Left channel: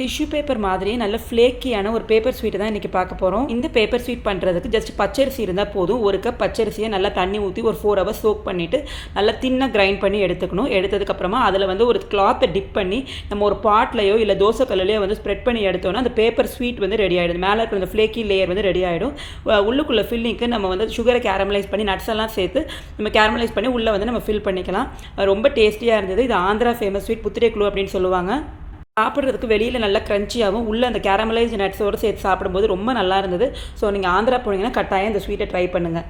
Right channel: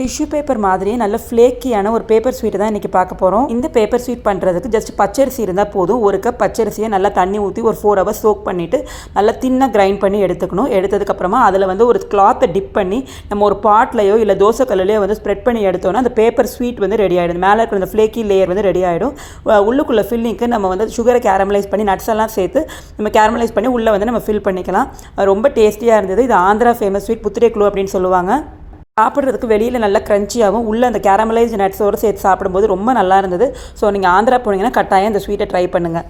Tissue paper மாதிரியே நல்ல ஃப்ளேக்கியான ஒரு பேப்பர் ஸ்வீட் தான் இன்றைக்கி பார்க்க போகிறோம். இந்த பேப்பர் ஸ்வீட் பண்ணுறதுக்கு ஜஸ்ட் பச்சரிசி இருந்தால் போதும். ஒரு கப் பச்சரிசியை நல்லா தண்ணி ஊற்றி ஒரு 4 hours சோக் பண்ணிவிட்டு நல்லா தின்னாக கிரைண்ட் பண்ணி எடுத்துக்கணும். எடுத்ததுக்கப்புறமா அதில் வந்து ஒரு கிளாத்தை டிப் பண்ணி நம்ம ஒரு பாட்லையோ இல்லை தோசை கல்லையோ வந்து ஸ்ப்ரெட் பண்ணி எடுத்தோன்னா அந்த பேப்பர் ஸ்வீட் வந்து ரெடி ஆகிடும். மேலே இருக்கிற அந்த ஃப்ளேக்கி லேயர் வந்து ரெடி ஆகிடும். உள்ளுக்குள்ளே ஃபில்லிங்க்கு நம்ம வந்து சுகரை கேரமலைஸ் பண்ணி நட்ஸ் எல்லாம் சேர்த்து நம்ம கேரமலைஸ் பண்ணி உள்ளே வந்து நம்ம ஃபில் பண்ணிக்கலாம். ரொம்ப டேஸ்டியாக இருந்தது. இது ஆந்திரா ஃபேமஸ் ஸ்வீட் புத்திரேக்குழு அப்படின்னு சொல்லுவாங்க. சாப்பிட்றதுக்கு வெளியில் நல்லா க்ரன்ச்சியாகவும் உள்ளே அந்த கேரமலைஸ் நட்ஸோடு சேர்த்து சாப்பிடும்போது ரொம்ப நல்லா இருந்தது. ஸோ நீங்கள் ஆந்திரா போனீங்கன்னா கட்டாயம் இந்த ஸ்வீட்டை ட்ரை பண்ணுங்கள்.